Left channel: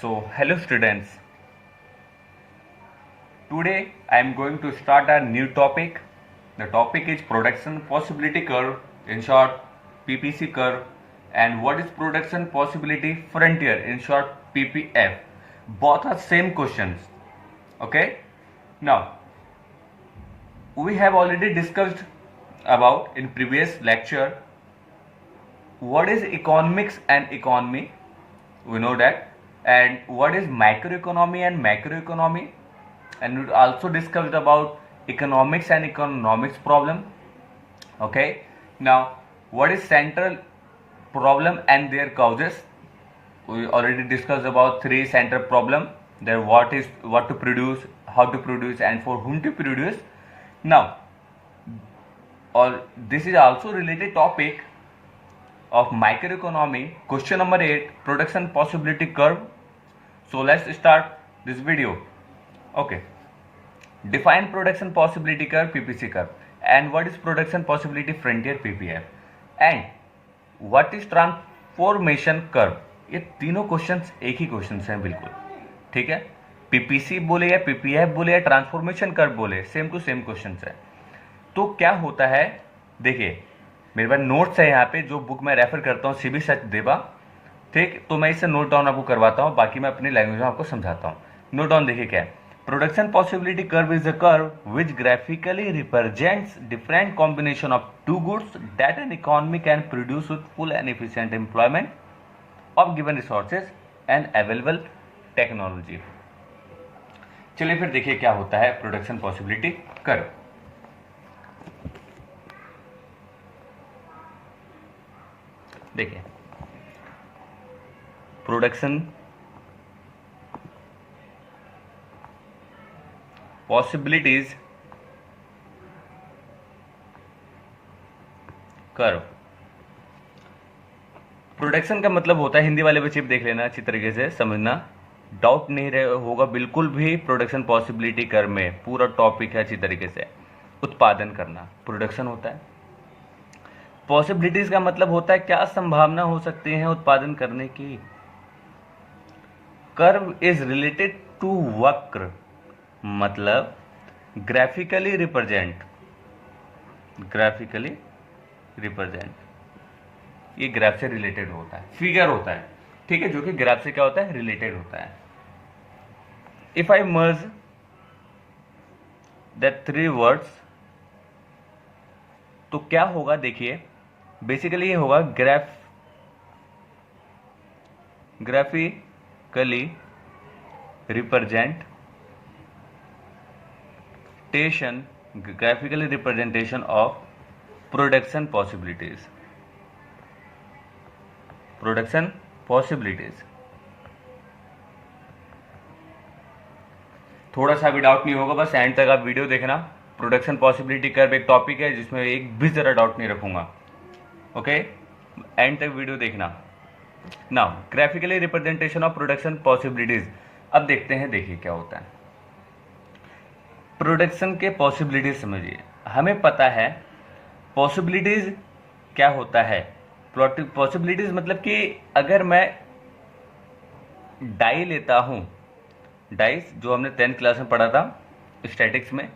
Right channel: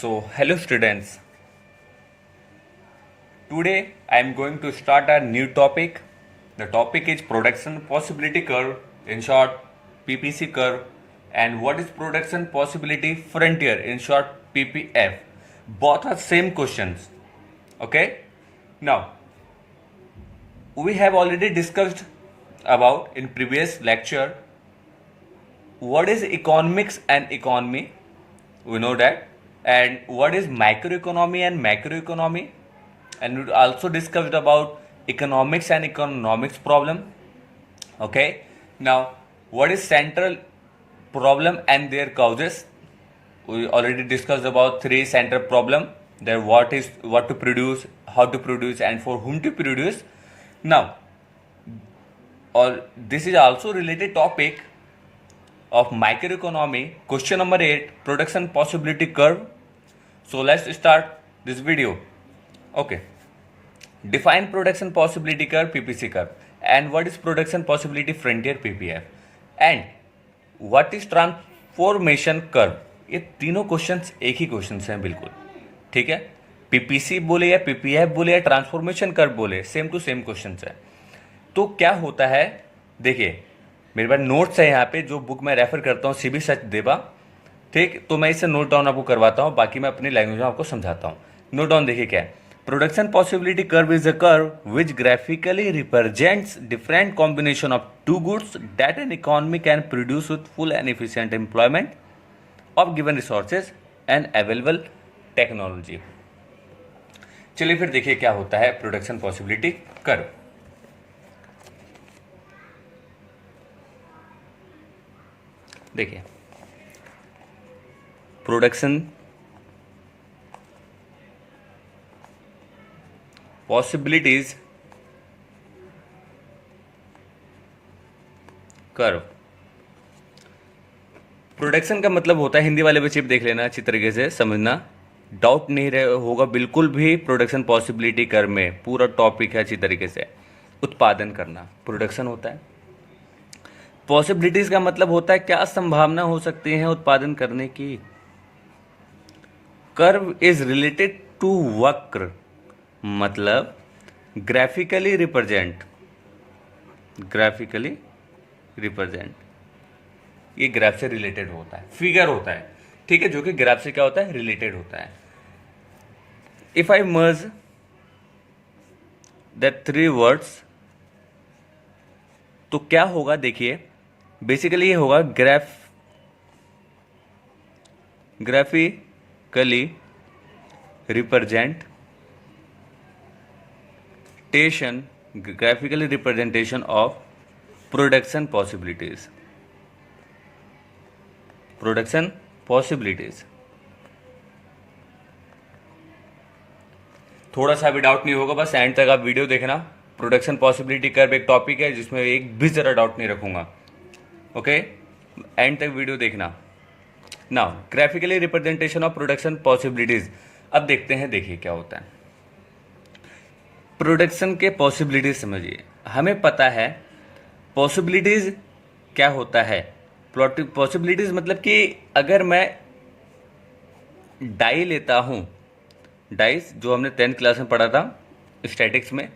So, hello students. Today I am going to start a new topic. The topic is production possibility curve, in short PPC curve, and what is production possibility frontier, in short PPF. Both are same questions. Okay? Now, we have already discussed about in previous lecture what is economics and economy. We know that. And what is microeconomy and macroeconomy, and we also discussed about economics and economics problem. Okay, now what is central problem and their causes? We already discussed about three central problem, there what to produce, how to produce, and for whom to produce. Now, or this is also related topic of microeconomy. Question number 8, production possibility curve. So let's start this video. Okay, define production possibility curve PPC curve, and what is production possibility frontier PPF, and what is transformation curve. ये तीनों questions एक ही questions हैं बिल्कुल. ठीक है, PPC बोले या PPF बोले या ट्रांसफॉर्मेशन कर्व बोले, सेम टू सेम क्वेश्चंस है. तो क्या होता है, देखिए मेरे पास नोट्स है यहाँ पे, जो बुक मैं रेफर करता हूँ सीबी सचदेवा. ठीक, तो मैं इसे नोट डाउन आपको करवाता हूँ, बाकी मैं अपनी लैंग्वेज में आपको समझाता हूँ. नोट डाउन देखिए क्या है. Production possibility curve is a curve which graphically represents different combination of two goods that an economy can produce with full and efficient employment of given resources and available technology. चलिए फिर देखिए क्या होता है production possibility curve. देखिए, production possibilities curve. Production का मतलब होता है, हिंदी वाले बच्चे देख लेना, अच्छी तरीके से समझना, डाउट नहीं रहे होगा बिल्कुल भी. प्रोडक्शन पॉसिबिलिटी कर्व में पूरा टॉपिक है अच्छी तरीके से. उत्पादन करना प्रोडक्शन होता है. पॉसिबिलिटीज का मतलब होता है क्या संभावना हो सकती है उत्पादन करने की. कर्व इज रिलेटेड टू वक्र, मतलब ग्राफिकली रिप्रेजेंट, ये ग्राफ से रिलेटेड होता है, फिगर होता है. ठीक है, जो कि ग्राफ से क्या होता है, रिलेटेड होता है. If I merge that three words, तो क्या होगा, देखिए बेसिकली ये होगा graphically representation of production possibilities. थोड़ा सा भी डाउट नहीं होगा, बस एंड तक आप वीडियो देखना. प्रोडक्शन पॉसिबिलिटी कर्व एक टॉपिक है जिसमें एक भी जरा डाउट नहीं रखूंगा. ओके, एंड तक वीडियो देखना. Now graphically representation of production possibilities. अब देखते हैं, देखिए क्या होता है प्रोडक्शन के पॉसिबिलिटीज. समझिए, हमें पता है पॉसिबिलिटीज क्या होता है. पॉसिबिलिटीज मतलब कि अगर मैं डाई लेता हूँ, डाइस जो हमने 10th क्लास में पढ़ा था स्टैटिक्स में,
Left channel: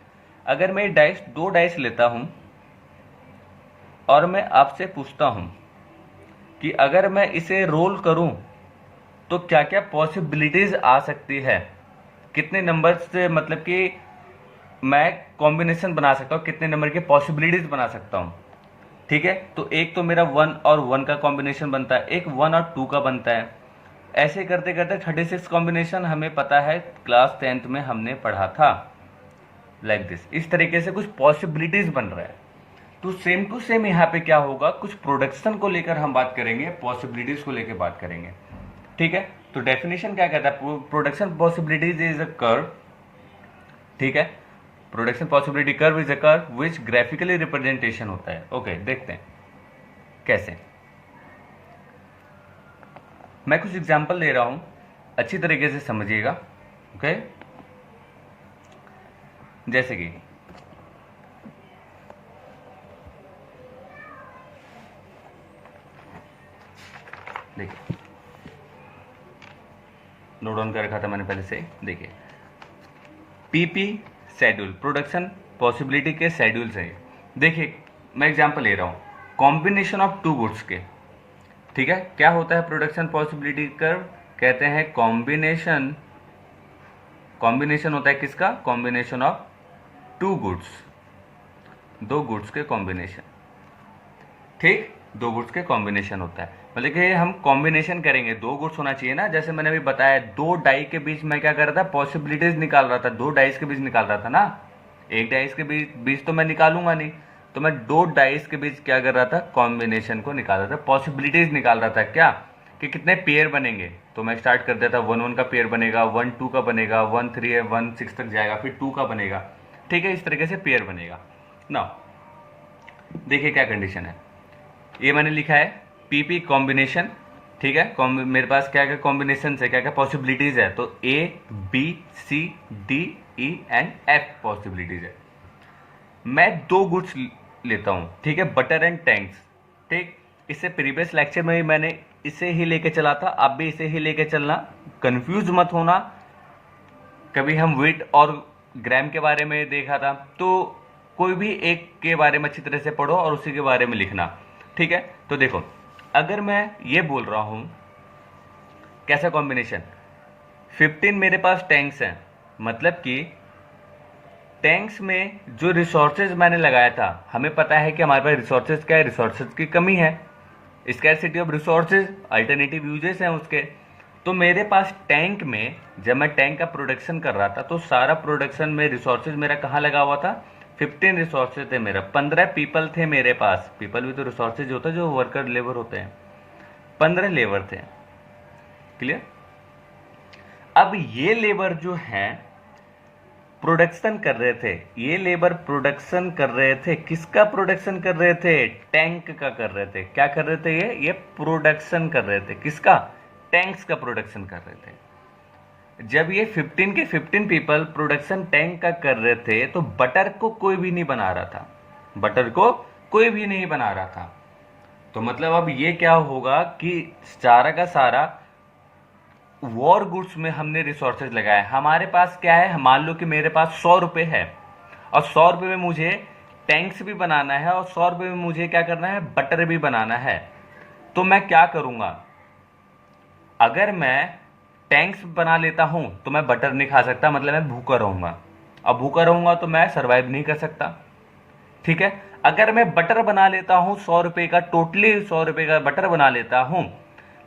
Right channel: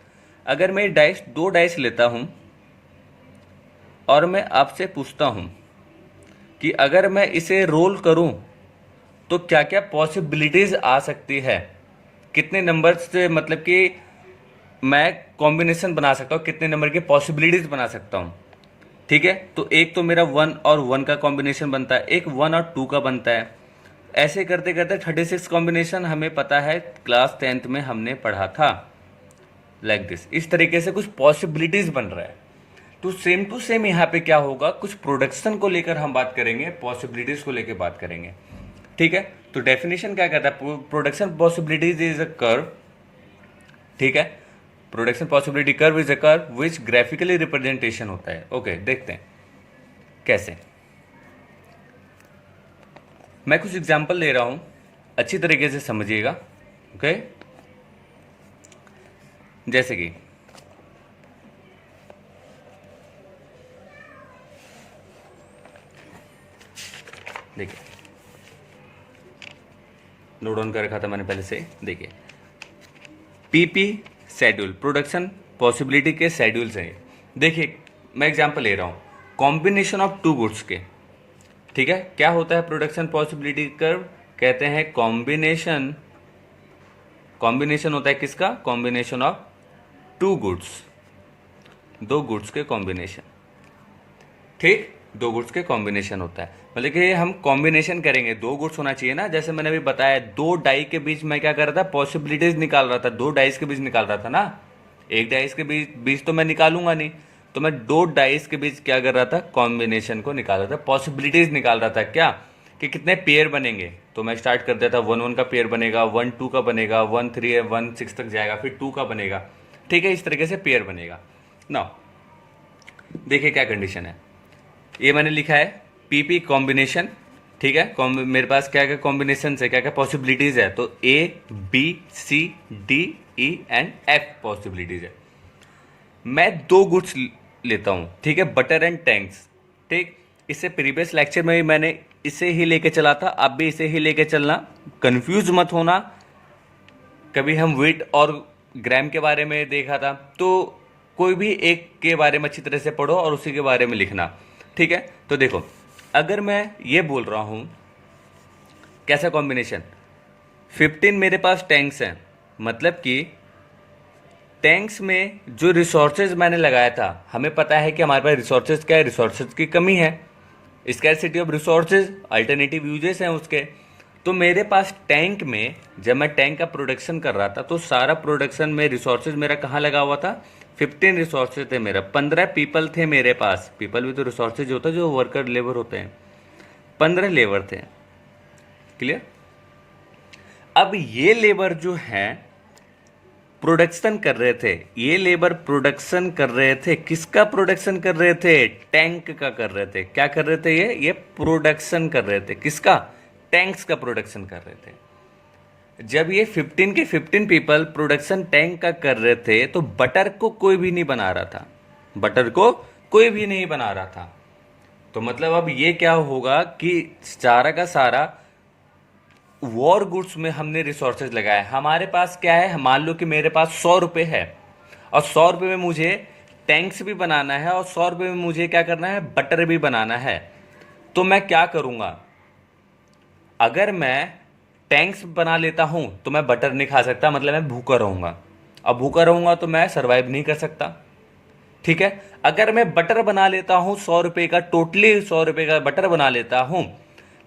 अगर मैं दो डाइस लेता हूँ और मैं आपसे पूछता हूँ कि अगर मैं इसे रोल करूँ तो क्या क्या पॉसिबिलिटीज आ सकती है, कितने नंबर से, मतलब कि मैं कॉम्बिनेशन बना सकता हूँ, कितने नंबर की पॉसिबिलिटीज बना सकता हूँ. ठीक है, तो एक तो मेरा 1 और 1 का कॉम्बिनेशन बनता है, एक 1 और 2 का बनता है. ऐसे करते करते 36 कॉम्बिनेशन हमें पता है, क्लास 10th में हमने पढ़ा था. लाइक दिस, इस तरीके से कुछ पॉसिबिलिटीज बन रहा है. तो सेम टू सेम यहाँ पे क्या होगा, कुछ प्रोडक्शन को लेकर हम बात करेंगे, पॉसिबिलिटीज को लेकर बात करेंगे. ठीक है, तो डेफिनेशन क्या कहता है, production possibilities is a curve. ठीक है, production possibility curve is a curve which graphically representation होता है. ओके, देखते हैं कैसे. मैं कुछ एग्जांपल ले रहा हूं, अच्छी तरीके से समझिएगा. ओके, जैसे कि देखिए, नोट डाउन कर रखा था मैंने पहले से, देखिए पीपी शेड्यूल, प्रोडक्शन पॉसिबिलिटी के शेड्यूल्स हैं। देखिए मैं एग्जांपल ले रहा हूँ, कॉम्बिनेशन ऑफ टू गुड्स के, ठीक है। क्या होता है प्रोडक्शन पॉसिबिलिटी कर्व, कहते हैं कॉम्बिनेशन, कॉम्बिनेशन होता है किसका, कॉम्बिनेशन ऑफ टू गुड्स, दो गुड्स के कॉम्बिनेशन, ठीक, दो गुड्स के कॉम्बिनेशन होता है। मतलब कि हम कॉम्बिनेशन करेंगे, दो गुड्स होना चाहिए ना, जैसे मैंने अभी बताया दो डाई के बीच मैं क्या कर रहा था, पॉसिबिलिटीज निकाल रहा था, दो डाइस के बीच निकाल रहा था ना, एक डाइस के बीच तो मैं निकालूंगा नहीं, तो मैं दो डाइस के बीच क्या कर रहा था, कॉम्बिनेशन को निकाल रहा था, पॉसिबिलिटीज निकाल रहा था, क्या कि कितने पेयर बनेंगे। तो मैं स्टार्ट कर देता, 1 1 का पेयर बनेगा, 1 2 का बनेगा, 1 3 1 6 तक जाएगा, फिर 2 का बनेगा, ठीक है, इस तरीके से पेयर बनेगा ना। देखिए क्या कंडीशन है, ये मैंने लिखा है पीपी कॉम्बिनेशन, ठीक है, मेरे पास क्या क्या कॉम्बिनेशन है, क्या क्या पॉसिबिलिटीज है, तो A B C D E and F possibilities है। मैं दो गुड्स लेता हूं, ठीक है, बटर एंड टैंक्स, ठीक। इससे प्रीवियस लेक्चर में भी मैंने इसे ही लेके चला था, आप भी इसे ही लेके चलना, कंफ्यूज मत होना। कभी हम वेट और ग्राम के बारे में देखा था, तो कोई भी एक के बारे में अच्छी तरह से पढ़ो और उसी के बारे में लिखना, ठीक है। तो देखो अगर मैं ये बोल रहा हूं कैसा कॉम्बिनेशन, 15 मेरे पास टैंक्स हैं, मतलब कि टैंक्स में जो रिसोर्सेज मैंने लगाया था, हमें पता है कि हमारे पास रिसोर्सेज क्या है, रिसोर्सेज की कमी है, scarcity of resources, alternative uses हैं उसके। तो मेरे पास टैंक में जब मैं टैंक का प्रोडक्शन कर रहा था, तो सारा प्रोडक्शन में रिसोर्सेज मेरा कहाँ लगा हुआ था, 15 रिसोर्सेज थे मेरा, 15 पीपल थे मेरे पास, पीपल भी तो रिसोर्सेज होता है जो वर्कर लेबर होते हैं, 15 लेबर थे, क्लियर। अब ये लेबर जो हैं प्रोडक्शन कर रहे थे, ये लेबर प्रोडक्शन कर रहे थे, किसका प्रोडक्शन कर रहे थे, टैंक का कर रहे थे, क्या कर रहे थे, ये प्रोडक्शन कर रहे थे, किसका, टैंक्स का प्रोडक्शन कर रहे थे। जब ये 15 के 15 पीपल प्रोडक्शन टैंक का कर रहे थे, तो बटर को कोई भी नहीं बना रहा था, बटर को कोई भी नहीं बना रहा था। तो मतलब अब ये क्या होगा कि सारा का सारा वॉर गुड्स में हमने रिसोर्सेज लगाए, हमारे पास क्या है, मान लो कि मेरे पास 100 रुपये है, और 100 रुपये में मुझे टैंक्स भी बनाना है, और 100 रुपये में मुझे क्या करना है, बटर भी बनाना है। तो मैं क्या करूँगा, अगर मैं टैंक्स बना लेता हूँ तो मैं बटर नहीं खा सकता, मतलब मैं भूखा रहूँगा, अब भूखा रहूँगा तो मैं सर्वाइव नहीं कर सकता, ठीक है। अगर मैं बटर बना लेता हूँ 100 रुपये का, टोटली 100 रुपये का बटर बना लेता हूँ,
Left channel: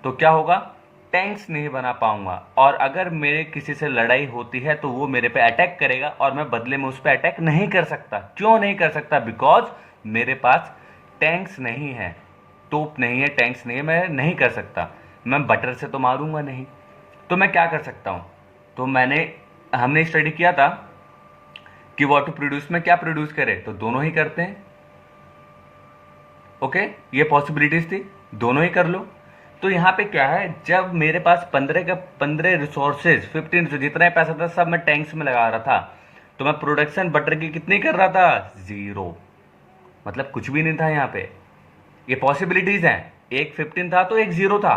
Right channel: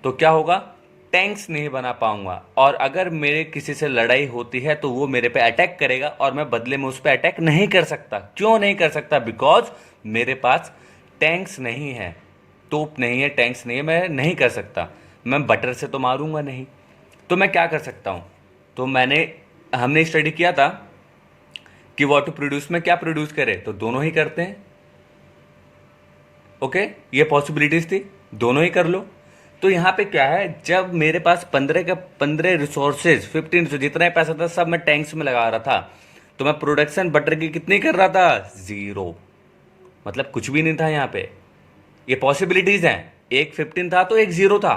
तो क्या होगा, टैंक्स नहीं बना पाऊंगा, और अगर मेरे किसी से लड़ाई होती है तो वो मेरे पे अटैक करेगा, और मैं बदले में उस पर अटैक नहीं कर सकता। क्यों नहीं कर सकता, बिकॉज मेरे पास टैंक्स नहीं है, तोप नहीं है, टैंक्स नहीं है, मैं नहीं कर सकता, मैं बटर से तो मारूंगा नहीं। तो मैं क्या कर सकता हूँ, तो हमने स्टडी किया था कि व्हाट टू प्रोड्यूस में क्या प्रोड्यूस करे, तो दोनों ही करते हैं, ओके, ये पॉसिबिलिटीज थी, दोनों ही कर लो। तो यहाँ पे क्या है, जब मेरे पास 15 का 15 रिसोर्सेज, 15 जितना पैसा था सब मैं टैंक्स में लगा रहा था, तो मैं प्रोडक्शन बटर की कितनी कर रहा था, 0, मतलब कुछ भी नहीं था यहाँ पे। ये पॉसिबिलिटीज हैं, एक 15 था तो एक 0 था,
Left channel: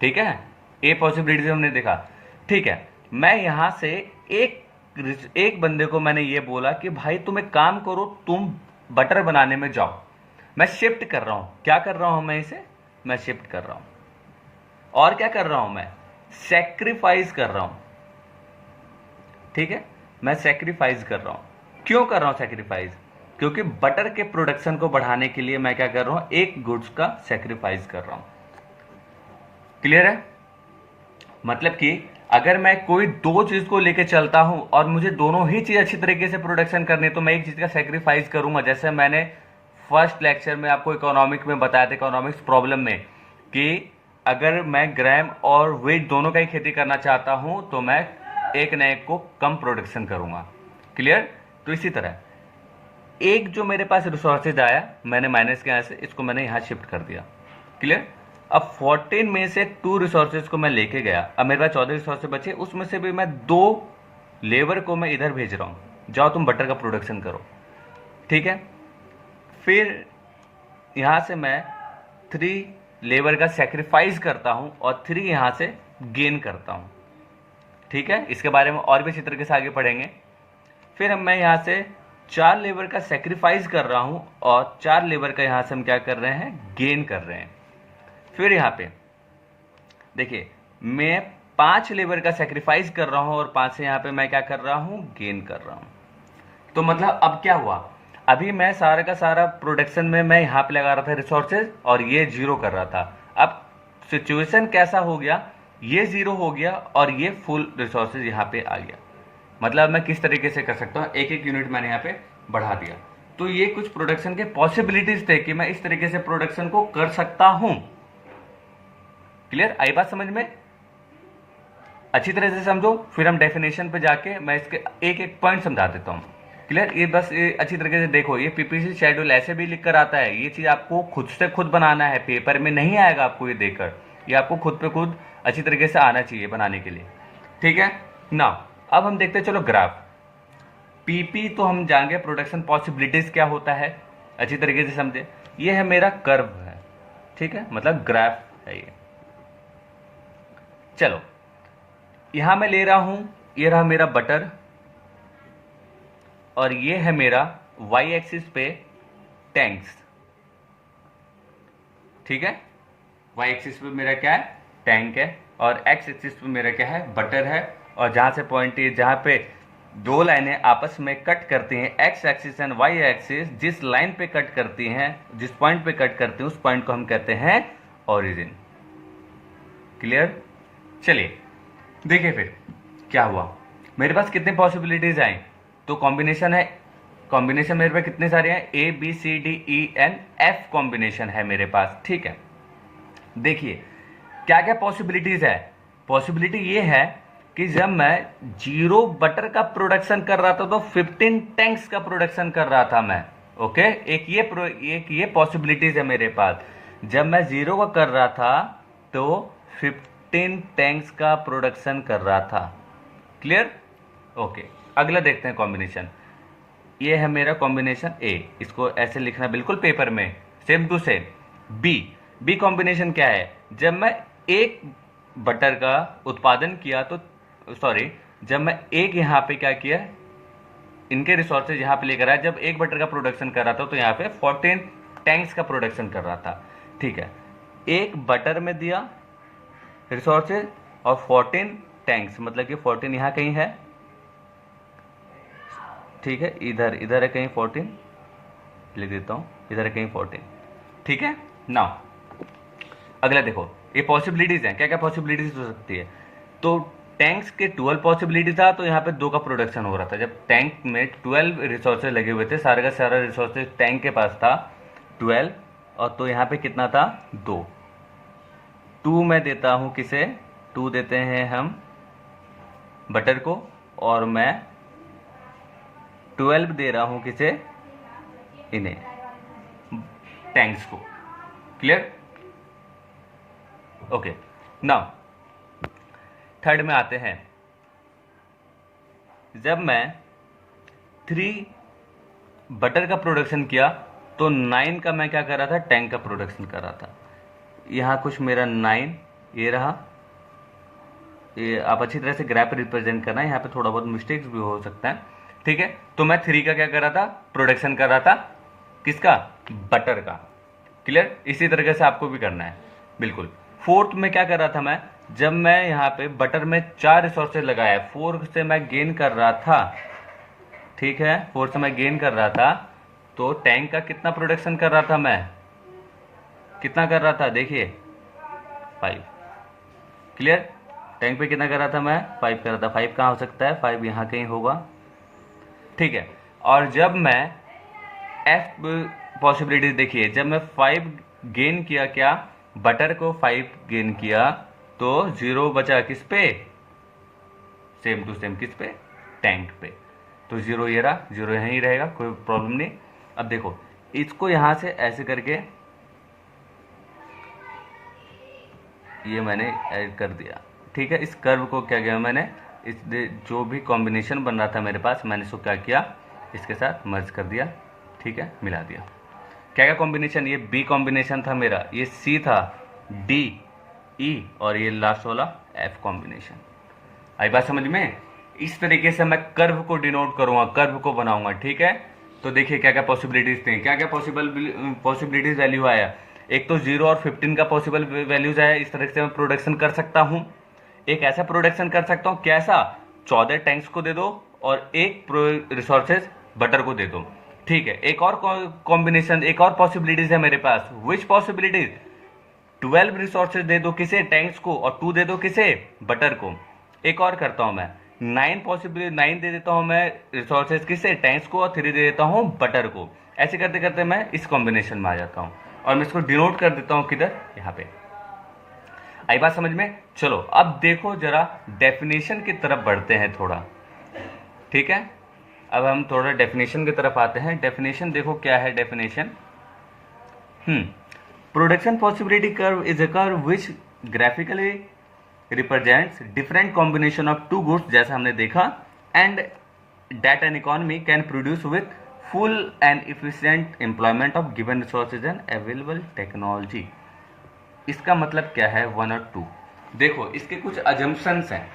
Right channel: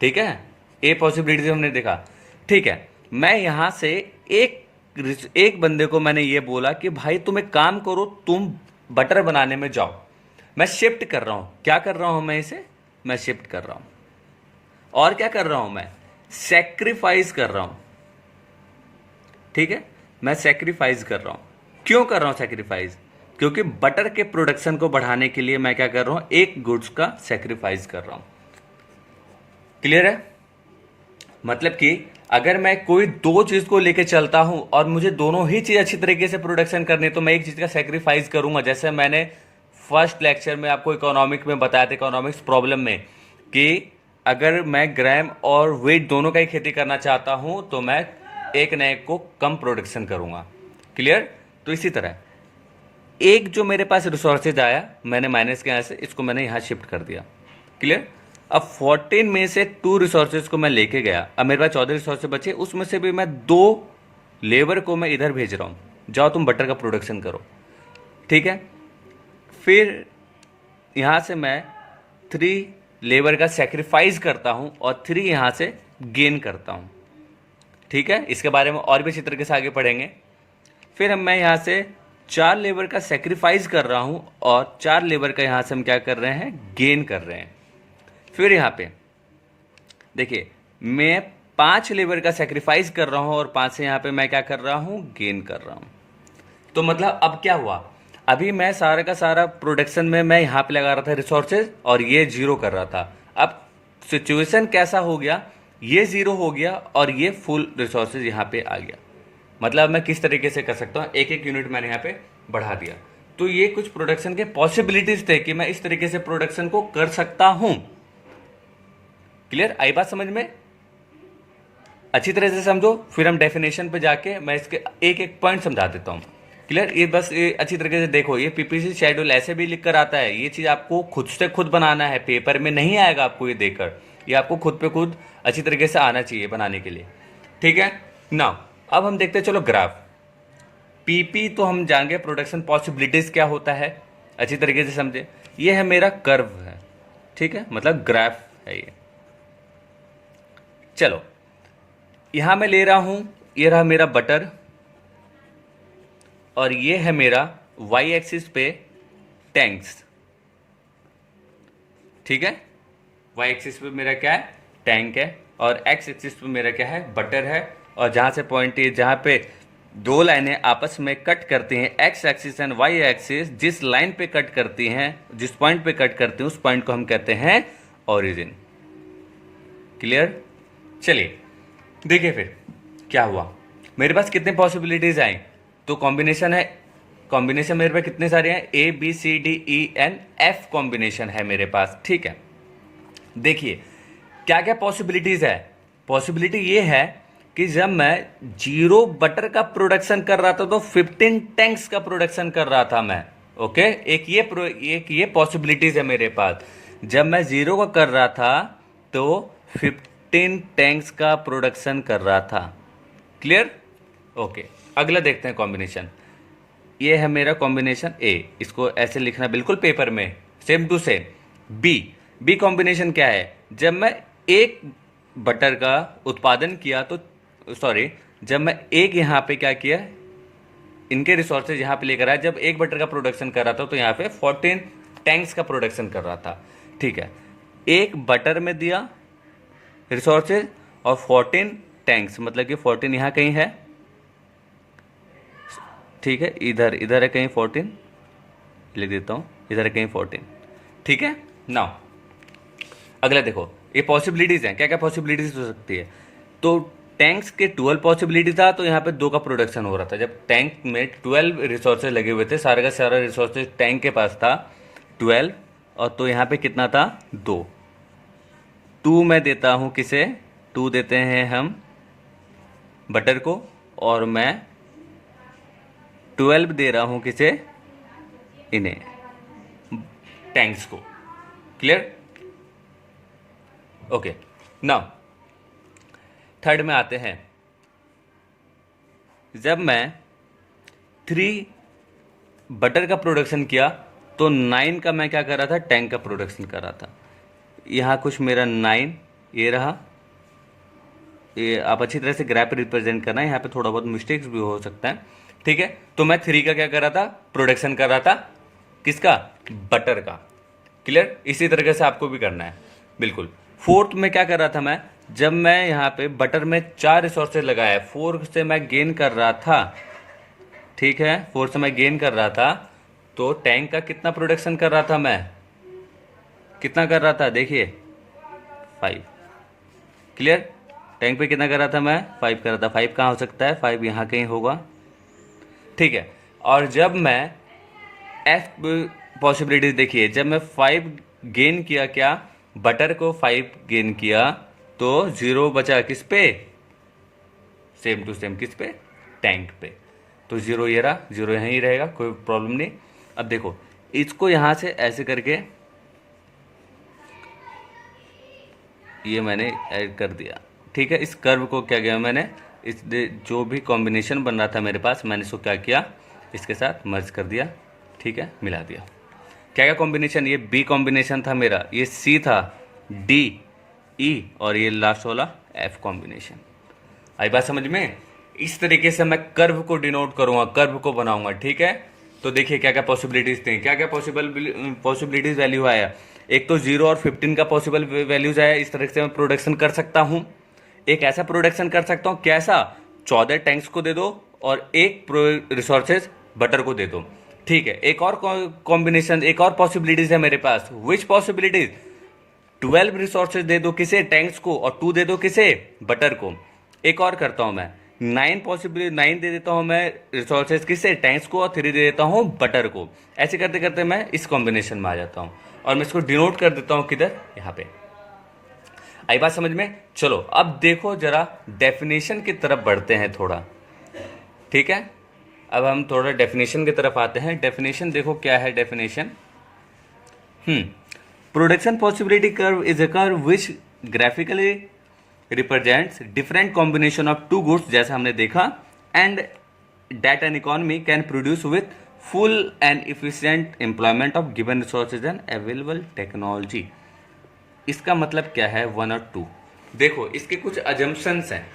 ठीक है, ये पॉसिबिलिटीज हमने देखा, ठीक है। मैं यहाँ से एक बंदे को मैंने ये बोला कि भाई तुम एक काम करो, तुम बटर बनाने में जाओ, मैं शिफ्ट कर रहा हूँ, क्या कर रहा हूँ मैं इसे, मैं शिफ्ट कर रहा हूं, और क्या कर रहा हूं, मैं सैक्रिफाइस कर रहा हूं, ठीक है, मैं सैक्रिफाइस कर रहा हूं। क्यों कर रहा हूं सैक्रिफाइस, क्योंकि बटर के प्रोडक्शन को बढ़ाने के लिए मैं क्या कर रहा हूं, एक गुड्स का सैक्रिफाइस कर रहा हूं, क्लियर है। मतलब कि अगर मैं कोई दो चीज को लेके चलता हूं और मुझे दोनों ही चीज अच्छी तरीके से प्रोडक्शन करनी है, तो मैं एक चीज का सैक्रिफाइस करूंगा। जैसे मैंने फर्स्ट लेक्चर में आपको इकोनॉमिक में बताया था, इकोनॉमिक्स प्रॉब्लम में, कि अगर मैं ग्राम और वेट दोनों का ही खेती करना चाहता हूं तो मैं एक नए को कम प्रोडक्शन करूंगा, क्लियर। तो इसी तरह एक जो मेरे पास रिसोर्सेज आया, मैंने माइनस के यहाँ से इसको मैंने यहाँ शिफ्ट कर दिया, क्लियर। अब 14 में से 2 रिसोर्सेज को मैं लेके गया, अब मेरे पास 14 रिसोर्सेज बचे, उसमें से भी मैं 2 लेबर को मैं इधर भेज रहा हूँ, जाओ तुम बटर का प्रोडक्शन करो, ठीक है। फिर यहाँ से मैं 3 लेबर का सेक्रीफाइस करता हूँ और 3 यहाँ से गेन करता हूँ। ठीक है, इसके बारे में और भी अच्छी तरीके से आगे पढ़ेंगे। फिर मैं यहाँ से 4 लेबर का सेक्रीफाइस कर रहा हूँ और 4 लेबर का यहाँ से हम क्या कर रहे हैं, गेन कर रहे हैं। फिर यहाँ पे देखिए, मैं 5 लेबर का सेक्रीफाइस कर रहा हूँ और 5 से यहाँ पे मैं क्या कर रहा हूँ, गेन कर रहा हूँ। तो मतलब अब क्या हुआ, अभी मैं सारा का सारा प्रोडक्शन में मैं यहाँ पे लगा रहा था रिसोर्सेज और ये जीरो कर रहा था। अब सिचुएशन कैसा हो गया, ये जीरो हो गया और ये फुल रिसोर्सेज यहाँ पे आ गया। मतलब मैं किस तरीके से कर सकता हूँ, एक एक यूनिट मैंने यहाँ पे बढ़ा दिया। तो ये कुछ प्रोडक्शन के पॉसिबिलिटीज थे कि मैं इस तरीके से प्रोडक्शन को कर सकता हूँ। क्लियर, आई बात समझ में? अच्छी तरह से समझो, फिर हम डेफिनेशन पे जाके मैं इसके एक एक पॉइंट समझा देता हूँ। क्लियर, ये बस ये अच्छी तरीके से देखो, ये पीपीसी शेड्यूल ऐसे भी लिख कर आता है। ये चीज़ आपको खुद से खुद बनाना है, पेपर में नहीं आएगा आपको ये देखकर, ये आपको खुद पे खुद अच्छी तरीके से आना चाहिए बनाने के लिए। ठीक है ना, अब हम देखते हैं, चलो ग्राफ। पीपी तो हम जानेंगे प्रोडक्शन पॉसिबिलिटीज क्या होता है, अच्छी तरीके से समझे। ये है मेरा कर्व है, ठीक है, मतलब ग्राफ है ये। चलो यहां मैं ले रहा हूं, ये रहा मेरा बटर और ये है मेरा वाई एक्सिस पे टैंक्स। ठीक है, वाई एक्सिस पे मेरा क्या है, टैंक है, और एक्स एक्सिस पे मेरा क्या है, बटर है। और जहां से पॉइंट है, जहां पे दो लाइनें आपस में कट करती हैं, X axis and Y axis, जिस लाइन पे कट करती हैं, जिस पॉइंट पे कट करती हैं, उस पॉइंट को हम कहते हैं ओरिजिन। क्लियर, चलिए देखिए फिर क्या हुआ। मेरे पास कितने पॉसिबिलिटीज आई, तो कॉम्बिनेशन है, कॉम्बिनेशन मेरे पास कितने सारे हैं, A B C D E and F combination है मेरे पास। ठीक है, देखिए क्या क्या पॉसिबिलिटीज है। पॉसिबिलिटी ये है कि जब मैं 0 बटर का प्रोडक्शन कर रहा था तो 15 टैंक्स का प्रोडक्शन कर रहा था मैं। ओके, एक ये पॉसिबिलिटीज है मेरे पास। जब मैं 0 का कर रहा था तो 15 टैंक्स का प्रोडक्शन कर रहा था। Clear, okay. अगला देखते हैं कॉम्बिनेशन। ये है मेरा कॉम्बिनेशन ए, इसको ऐसे लिखना बिल्कुल पेपर में, same to same. B combination क्या है, जब मैं एक बटर का उत्पादन किया तो सॉरी, जब मैं एक यहाँ पे क्या किया, इनके रिसोर्सेज यहाँ पे लेकर आया, जब एक बटर का प्रोडक्शन कर रहा था तो यहाँ पे 14 टैंक्स का प्रोडक्शन कर रहा था। ठीक है, एक बटर में दिया रिसोर्सेज और 14 टैंक्स, मतलब कि 14 यहाँ कहीं है। ठीक है, इधर है कहीं 14, लिख देता हूँ, इधर है कहीं 14। ठीक है ना, अगला देखो, ये पॉसिबिलिटीज हैं, क्या क्या पॉसिबिलिटीज हो सकती है। तो टैंक्स के 12 पॉसिबिलिटी था, तो यहाँ पे 2 का प्रोडक्शन हो रहा था। जब टैंक में 12 रिसोर्सेज लगे हुए थे, सारा का सारा रिसोर्सेज टैंक के पास था 12, और तो यहाँ पे कितना था, 2 मैं देता हूँ किसे, 2 देते हैं हम बटर को, और मैं 12 दे रहा हूँ किसे, इन्हें टैंक्स को। Clear, okay. नाउ थर्ड में आते हैं। जब मैं 3 बटर का प्रोडक्शन किया तो 9 का मैं क्या कर रहा था, टैंक का प्रोडक्शन कर रहा था। यहाँ कुछ मेरा 9 ये रहा, ये आप अच्छी तरह से ग्राफ रिप्रेजेंट करना है, यहाँ पे थोड़ा बहुत मिस्टेक्स भी हो सकता है। ठीक है, तो मैं 3 का क्या कर रहा था, प्रोडक्शन कर रहा था, किसका, बटर का। क्लियर, इसी तरीके से आपको भी करना है बिल्कुल। 4th में क्या कर रहा था मैं, जब मैं यहाँ पे बटर में 4 रिसोर्सेज लगाया, 4 से मैं गेन कर रहा था। ठीक है, 4 से मैं गेन कर रहा था, तो टैंक का कितना प्रोडक्शन कर रहा था मैं, कितना कर रहा था, देखिए 5। क्लियर, टैंक पे कितना कर रहा था मैं, 5 कर रहा था। 5 कहाँ हो सकता है, 5 यहाँ कहीं होगा। ठीक है, और जब मैं एफ पॉसिबिलिटीज देखिए, जब मैं 5 गेन किया, क्या, बटर को 5 गेन किया, तो 0 बचा किस पे, सेम टू सेम किस पे, टैंक पे। तो 0 ये रहा, 0 यहीं रहेगा, कोई प्रॉब्लम नहीं। अब देखो, इसको यहाँ से ऐसे करके ये मैंने ऐड कर दिया। ठीक है, इस कर्व को क्या किया मैंने, इस जो भी कॉम्बिनेशन बन रहा था मेरे पास, मैंने इसको क्या किया, इसके साथ मर्ज कर दिया। ठीक है, मिला दिया। क्या क्या कॉम्बिनेशन, ये बी कॉम्बिनेशन था मेरा, ये सी था, डी, ई और ये लास्ट वाला एफ कॉम्बिनेशन। आई बात समझ में? इस तरीके से मैं कर्व को डिनोट करूंगा, कर्व को बनाऊंगा, ठीक है। तो देखिए क्या क्या पॉसिबिलिटीज थे, क्या क्या पॉसिबिलिटीज वैल्यू आया। एक तो 0 और 15 का पॉसिबल वैल्यूज आया। इस तरह से मैं प्रोडक्शन कर सकता हूं। एक ऐसा प्रोडक्शन कर सकता हूं, कैसा, 14 टैंक्स को दे दो और एक रिसोर्सेज बटर को दे दो, ठीक है। एक और कॉम्बिनेशन, एक और पॉसिबिलिटीज है मेरे पास। विच पॉसिबिलिटीज? 12 रिसोर्सेज दे दो किसे, टैंक्स को, और 2 दे दो किसे, बटर को। एक और करता हूं मैं, 9 दे देता हूं मैं रिसोर्सेज किसे, टैंक्स को, और 3 दे देता हूं बटर को। ऐसे करते करते मैं इस कॉम्बिनेशन में आ जाता हूं और मैं इसको डिनोट कर देता हूं किधर, यहाँ पे। आई बात समझ में? चलो अब देखो जरा डेफिनेशन की तरफ बढ़ते हैं थोड़ा, ठीक है। अब हम थोड़ा डेफिनेशन की तरफ आते हैं। डेफिनेशन देखो क्या है definition. Production possibility curve is a curve which graphically represents different combination of two goods, जैसा हमने देखा, and that an economy can produce with full and efficient employment of given resources and available technology. इसका मतलब क्या है 1 और 2? देखो इसके कुछ अजम्पशंस हैं,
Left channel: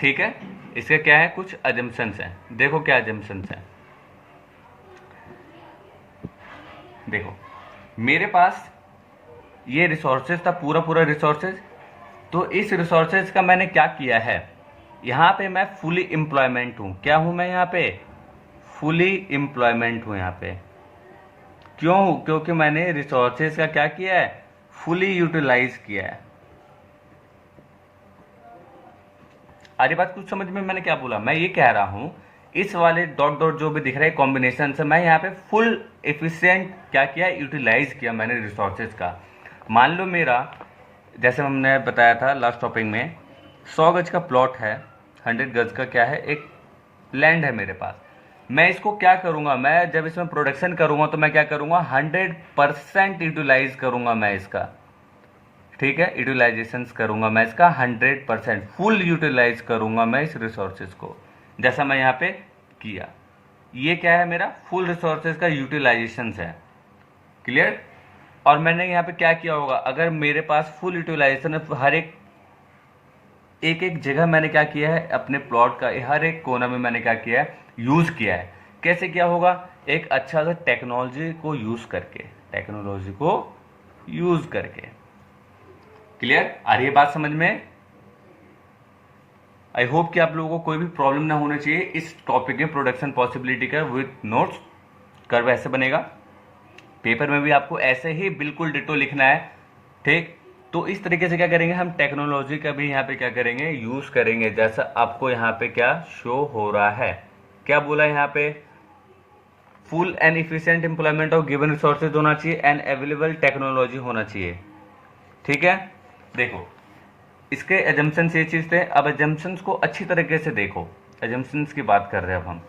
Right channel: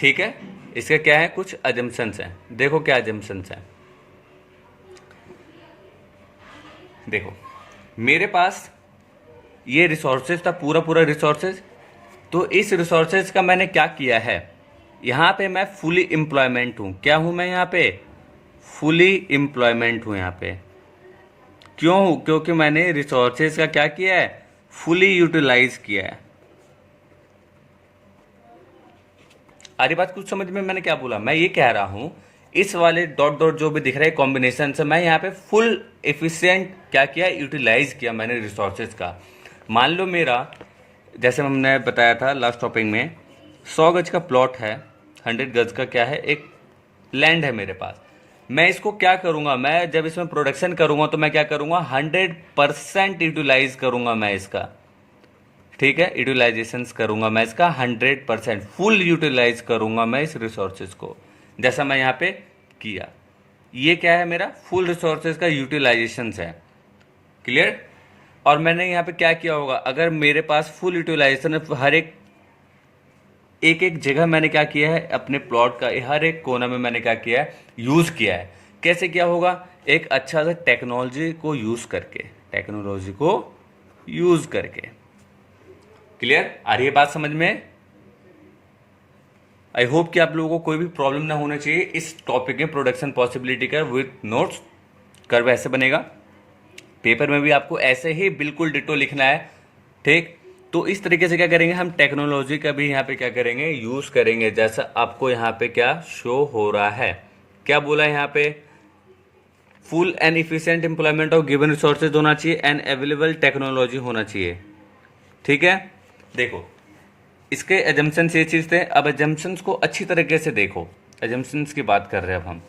ठीक है। इसके क्या है, कुछ अजम्पशंस हैं। देखो क्या अजम्पशंस हैं। देखो मेरे पास ये रिसोर्सेज था, पूरा पूरा रिसोर्सेज। तो इस रिसोर्सेज का मैंने क्या किया है, यहाँ पे मैं फुली एम्प्लॉयमेंट हूँ। क्या हूँ मैं यहाँ पे? फुली एम्प्लॉयमेंट हूँ यहाँ पे। क्यों हूँ? क्योंकि मैंने रिसोर्सेज का क्या किया है, फुली यूटिलाइज किया है। आरी बात कुछ समझ में मैंने क्या बोला? मैं ये कह रहा हूँ इस वाले डॉट डॉट जो भी दिख रहा है कॉम्बिनेशन से, मैं यहाँ पे फुल एफिशिएंट क्या किया, यूटिलाइज किया मैंने रिसोर्सेज का। मान लो मेरा, जैसे हमने बताया था लास्ट टॉपिक में, 100 गज का प्लॉट है, 100 गज का क्या है, एक लैंड है मेरे पास। मैं इसको क्या करूँगा, मैं जब इसमें प्रोडक्शन करूँगा तो मैं क्या करूँगा, 100% यूटिलाइज करूँगा मैं इसका, ठीक है। यूटिलाइजेशंस करूँगा मैं इसका 100%, फुल यूटिलाइज करूँगा मैं इस रिसोर्सेज को, जैसा मैं यहाँ पे किया। ये क्या है, मेरा फुल रिसोर्सेज का यूटिलाइजेशंस है, क्लियर। और मैंने यहाँ पे क्या किया होगा, अगर मेरे पास फुल यूटिलाइजेशन हर एक एक जगह मैंने क्या किया है, अपने प्लॉट का हर एक कोना में मैंने क्या किया है, यूज़ किया है। कैसे किया होगा? एक अच्छा सा टेक्नोलॉजी को यूज़ करके, टेक्नोलॉजी को यूज़ करके। क्लियर? आ रही है बात समझ में? आई होप कि आप लोगों को कोई भी प्रॉब्लम ना होना चाहिए इस टॉपिक में, प्रोडक्शन पॉसिबिलिटी का विथ नोट्स। कर्व ऐसे बनेगा, पेपर में भी आपको ऐसे ही बिल्कुल डिटो लिखना है, ठीक। तो इस तरीके से क्या करेंगे, हम टेक्नोलॉजी का भी यहाँ पे क्या करेंगे, यूज़ करेंगे, जैसा आपको यहाँ पे क्या शो हो रहा है। क्या बोला यहाँ पे? Full and efficient employment of given resources होना चाहिए एंड अवेलेबल टेक्नोलॉजी होना चाहिए, ठीक है। देखो इसके एजम्पशंस ये चीज़ थे। अब एजम्पशंस को अच्छी तरीके से देखो। एजम्पशंस की बात कर रहे हैं अब हम।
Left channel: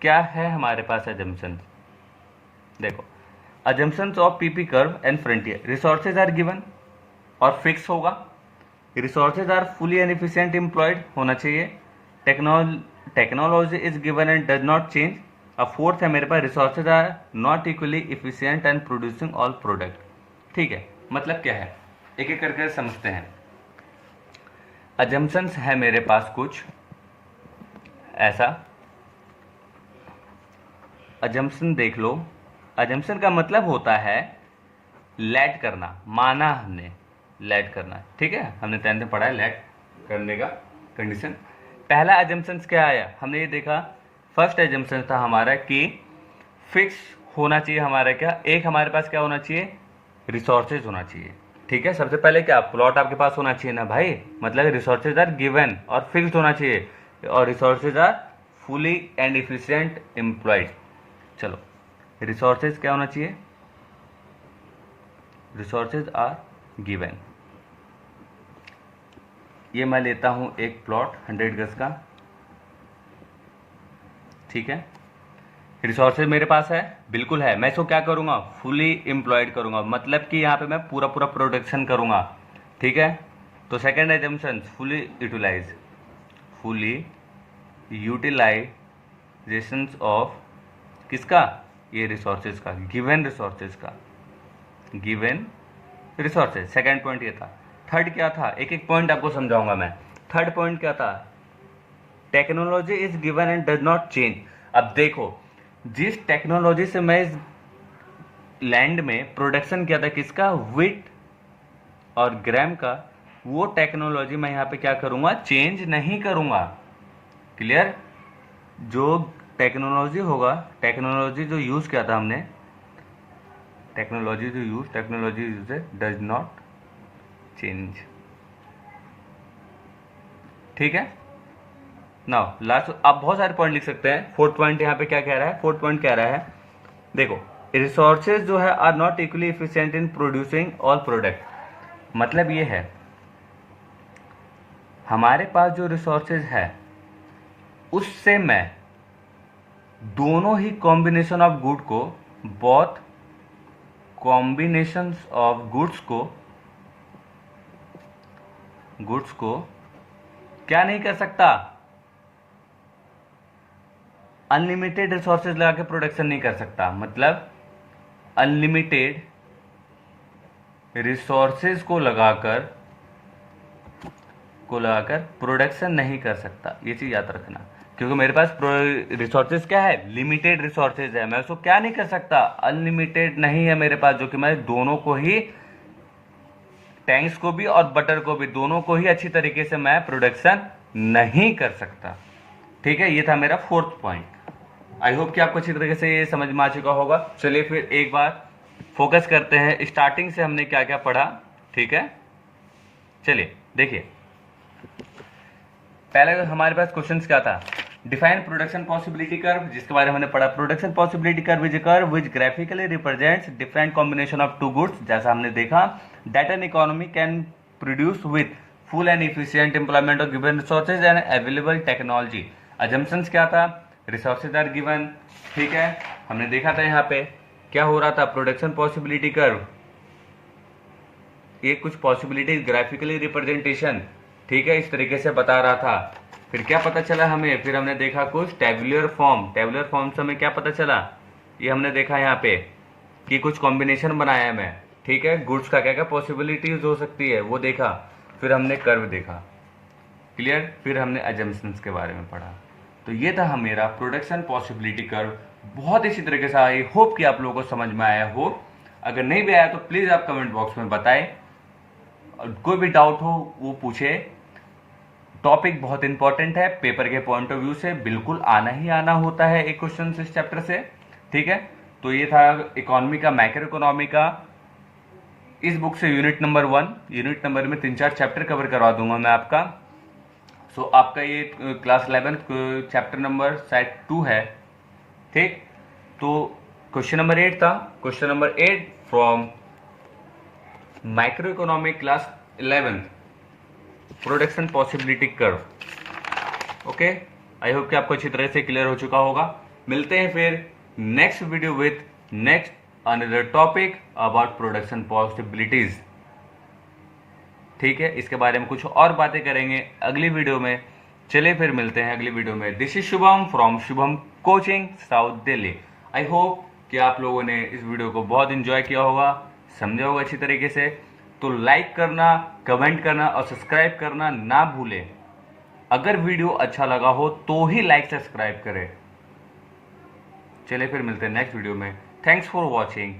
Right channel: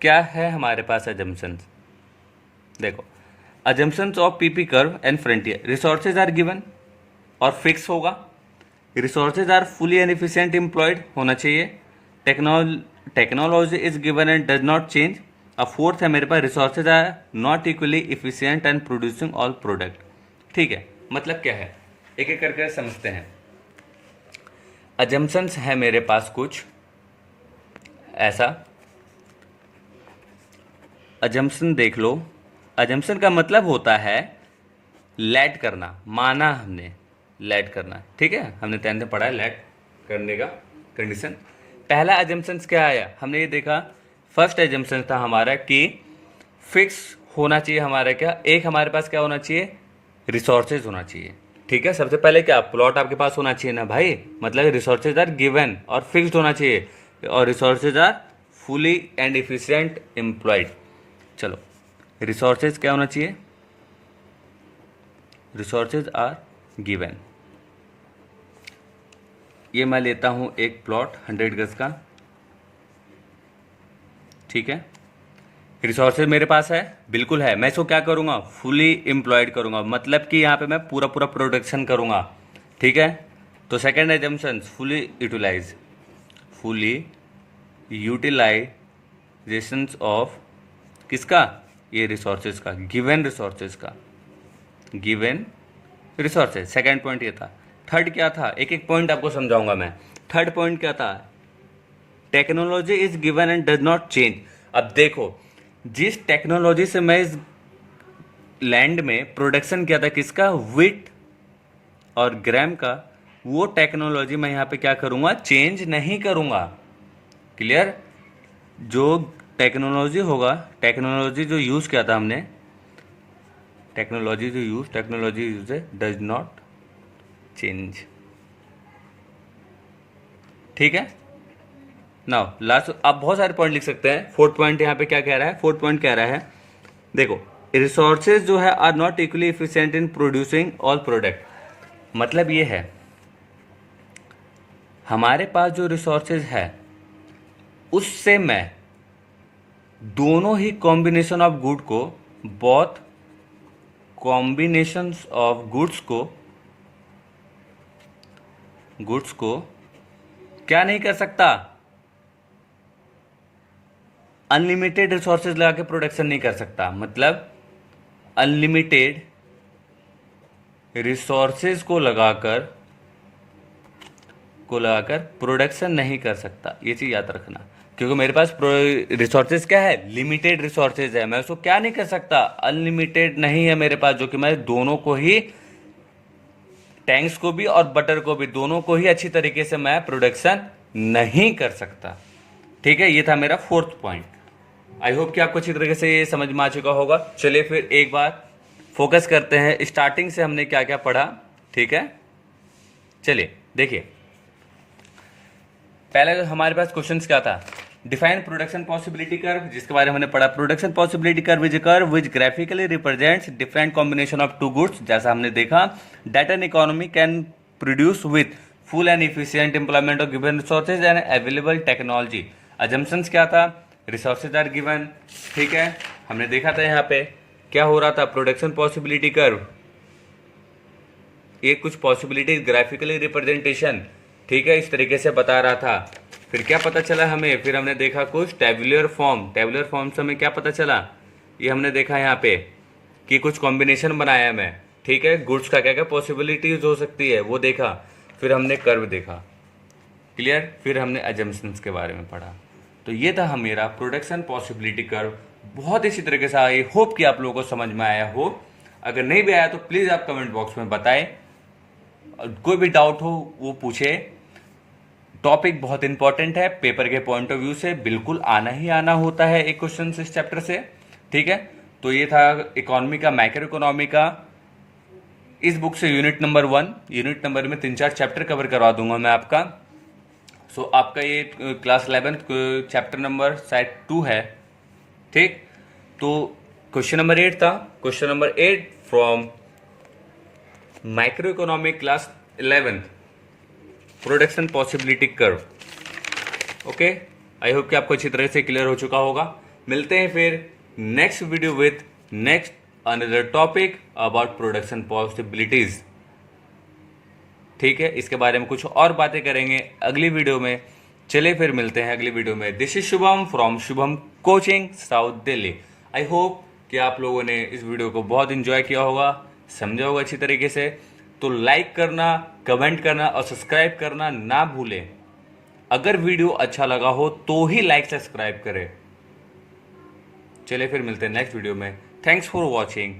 क्या है हमारे पास एजम्पशंस? देखो assumptions of PP curve and frontier, resources are given और फिक्स होगा, resources are fully and efficient employed होना चाहिए, technology is given and does not change. अब फोर्थ है मेरे पास, resources are not equally efficient and producing all product, ठीक है। मतलब क्या है, एक एक करके समझते हैं। अजम्पशंस है मेरे पास कुछ ऐसा। अजम्पशन देख लो। अजम्पशन का मतलब होता है लेट करना, माना हमने लेट करना, ठीक है। हमने 10th में पढ़ा है लेट करने का कंडीशन। पहला अजम्पशन क्या आया, हमने ये देखा। फर्स्ट अजम्पशन था हमारा कि फिक्स होना चाहिए हमारा, क्या एक हमारे पास क्या होना चाहिए, रिसोर्सेज होना चाहिए, ठीक है। सबसे पहले क्या, प्लॉट आपके पास होना चाहिए ना भाई, मतलब रिसोर्सेज आर गिवन और फिक्स्ड होना चाहिए, और resources are fully and efficient employed. चलो रिसोर्सेज क्या होना चाहिए, रिसोर्सेज आर गिवन। ये मैं लेता हूं एक प्लॉट 100 गज का, ठीक है। रिसोर्सेज मेरे पास है, बिल्कुल है। मैं इसको क्या करूंगा, फुली एम्प्लॉयड करूंगा, मतलब कि यहाँ पे मैं पूरा पूरा प्रोडक्शन करूंगा, ठीक है। तो second assumption fully utilize, fully utilization of किसका, ये रिसोर्सेज का, गिवन रिसोर्सेज का, गिवन रिसोर्सेज। सेकेंड पॉइंट ये था। थर्ड क्या था, एक एक पॉइंट आपको समझाऊंगा मैं। थर्ड पॉइंट क्या था, technology is given and does not change. अब देखो, जिस टेक्नोलॉजी से मैं इस लैंड में प्रोडक्शन किया था किसका, विट और ग्राम का, वो टेक्नोलॉजी मैं यहाँ पे क्या करूँगा, चेंज नहीं करूँगा। क्लियर? जो टेक्नोलॉजी होगा, टेक्नोलॉजी जो यूज़ किया था हमने, technology use does not change. ठीक है। नाउ लास्ट, आप बहुत सारे पॉइंट लिख सकते हैं। फोर्थ पॉइंट यहाँ पे क्या कह रहा है, फोर्थ पॉइंट कह रहा है, देखो, रिसोर्सेज जो है are not equally efficient in producing all product. मतलब ये है, हमारे पास जो रिसोर्सेज है उससे मैं दोनों ही कॉम्बिनेशन ऑफ गुड को, बहुत कॉम्बिनेशंस ऑफ गुड्स को क्या नहीं कर सकता, अनलिमिटेड रिसोर्सेज लगा के प्रोडक्शन नहीं कर सकता। मतलब अनलिमिटेड रिसोर्सेज को लगाकर प्रोडक्शन नहीं कर सकता, ये चीज याद रखना। क्योंकि मेरे पास रिसोर्सेज क्या है, लिमिटेड रिसोर्सेज है, मैं उसको क्या नहीं कर सकता, अनलिमिटेड नहीं है मेरे पास, जो कि मैं दोनों को ही, टैंक्स को भी और बटर को भी, दोनों को ही अच्छी तरीके से मैं प्रोडक्शन नहीं कर सकता। ठीक है, ये था मेरा फोर्थ पॉइंट। आई होप कि आपको अच्छी तरीके से ये समझ में आ चुका होगा। चलिए फिर एक बार फोकस करते हैं, स्टार्टिंग से हमने क्या क्या पढ़ा। ठीक है, चलिए देखिए, पहले हमारे पास क्वेश्चंस क्या था, डिफाइन प्रोडक्शन पॉसिबिलिटी कर्व, जिसके बारे में हमने पढ़ा, production possibility curve is a curve which graphically represents different combination of two goods, जैसा हमने देखा, that an economy can produce with full and efficient employment of given resources and available technology. Assumptions क्या था, resources are given. ठीक है, हमने देखा था यहाँ पे क्या हो रहा था, प्रोडक्शन पॉसिबिलिटी कर्व, ये कुछ पॉसिबिलिटी ग्राफिकली रिप्रेजेंटेशन, ठीक है, इस तरीके से बता रहा था। फिर क्या पता चला हमें, फिर हमने देखा कुछ टेबुलर फॉर्म से हमें क्या पता चला, ये हमने देखा यहाँ पे कि कुछ कॉम्बिनेशन बनाया मैं। ठीक है, गुड्स का क्या क्या पॉसिबिलिटीज हो सकती है वो देखा, फिर हमने कर्व देखा। क्लियर? फिर हमने अजम्पशंस के बारे में पढ़ा। तो ये था मेरा प्रोडक्शन पॉसिबिलिटी कर्व। बहुत इसी तरीके से, आई होप कि आप लोगों को समझ में आया हो। अगर नहीं भी आया तो प्लीज़ आप कमेंट बॉक्स में बताएं, कोई भी डाउट हो वो पूछे। टॉपिक बहुत इंपॉर्टेंट है, पेपर के पॉइंट ऑफ व्यू से बिल्कुल आना ही आना होता है एक क्वेश्चन इस चैप्टर से। ठीक है, तो ये था इकोनॉमी का, मैक्रो इकोनॉमी का। इस बुक से यूनिट नंबर 1, यूनिट नंबर में 3-4 चैप्टर कवर करवा दूंगा मैं आपका। सो आपका ये क्लास 11 चैप्टर नंबर शायद 2 है। ठीक, तो क्वेश्चन नंबर 8 था, question number 8 from micro economic class 11, production possibility curve. Okay, I hope कि आपको अच्छी तरह से क्लियर हो चुका होगा। मिलते हैं फिर next video with next another topic about production possibilities. ठीक है, इसके बारे में कुछ और बातें करेंगे अगली वीडियो में। चलिए फिर मिलते हैं अगली वीडियो में। This is Shubham from Shubham coaching, south Delhi. I hope कि आप लोगों ने इस वीडियो को बहुत इंजॉय किया होगा, समझा होगा अच्छी तरीके से। तो लाइक करना, कमेंट करना और सब्सक्राइब करना ना भूलें। अगर वीडियो अच्छा लगा हो तो ही लाइक सब्सक्राइब करें। चलिए फिर मिलते हैं नेक्स्ट वीडियो में। Thanks for watching.